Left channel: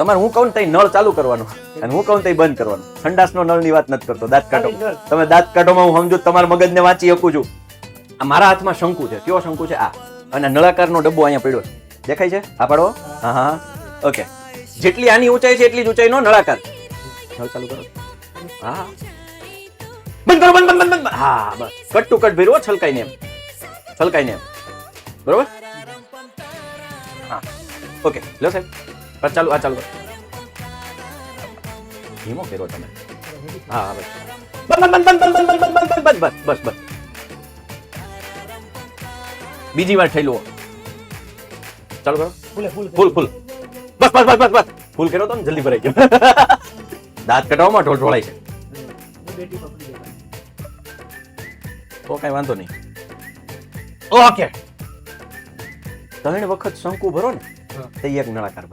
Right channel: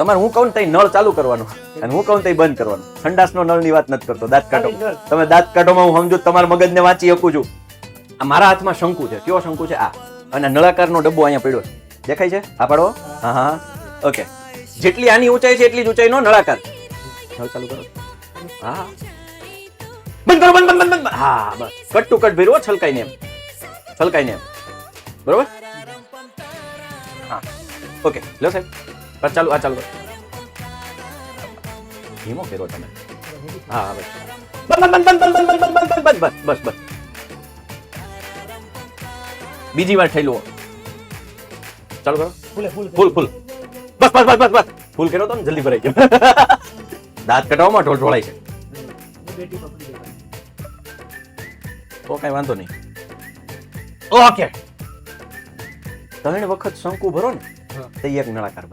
તમારે હું કહું ને તઈ નળ ચાલુ કરવાનું અને હું કહું તઈ બંધ કરવાનું. સંડાસનો નળની વાત નથી કરતો, દાંત કાઢો. તમે દાંત કાઢોમાં હું સમજુ તમારા મગજને વાંચી શકું છું. આ મારા હાથમાં શંકુ છે. કયો શંકુ છે? આ. અને નળાકારનો ડબ્બો અહીંયા પડ્યો છે, દેખાય છે? હા પાડો. હા હા ઓકે. જેટલી આની ઊંચાઈ છે એટલી જ ઊંચાઈનો નળાકાર. નળ ચાલુ કરો. હા બંધ કરો, બંધ બંધ બંધ. હા બસ કટ ટુ કટ ભર્યો, છલકાઈને એમ, છલકાઈને એમ. બરોબર? હા ઓકે લો સાહેબ. બસ ચાલુ. આ ચાલુ ધીમો કર્યો તમે. હા હવે બીજી વાર થઈ લો. ચાલુ કરો. ફૂલ બસ ફૂલ કર્યો તો ને જલ્દી ભરાઈ ગયો. દાંત કઢાવવામાં ઢોળાય છે તો કઈ વાંધો નહીં. ઓકે 3 વખત શંકુ ભરો ને તો એક નળાકાર.